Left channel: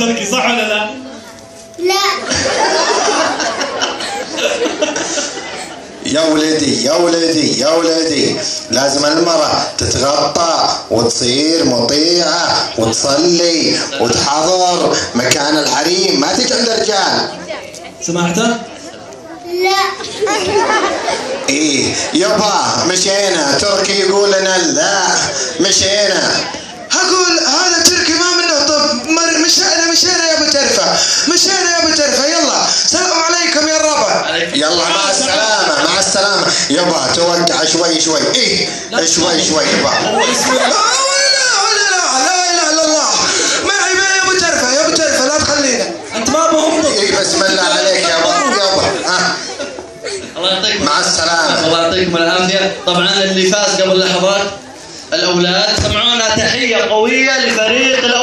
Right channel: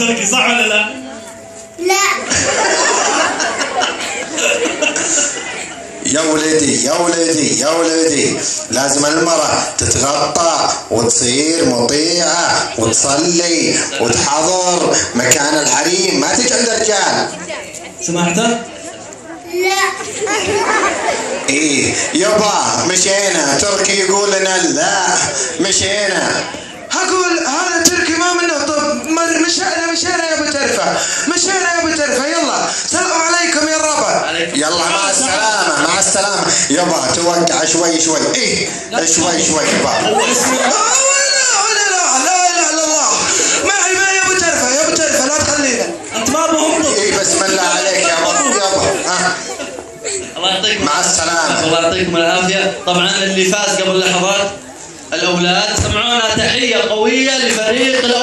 تركي صح ولا لا؟ لا. يا ولدي يا ولدي يا ولدي، لازم المرأة تتغطى وتصير مطيعة وتصلي وتحضر مكان الحريم، ما تجي عند الرجال. سمعته؟ لا. ايه يابا مشينا، تركي يقول لنا لا مشينا. اقول هذا تركي ما منه. طب مشينا يا ابو ترفه، مشينا يا ابو ترفه، يلا سلام عليكم يا الربع، يلا مع السلامه مع السلامه. يابا توقع شوي شوي، ايه شوي شوي يابا. لا اله الا الله، معي يا ابو ترفه يا ابو ترفه، لا تخلينا. انت ما بهم. ايه بسم الله عليك يابا. الله يعطيكم مع السلامه. الله يعطيكم العافيه. طبعا اللي فاز قبل لحظات الاولاد، سمعونا تحيه قويه لفريق الاولاد.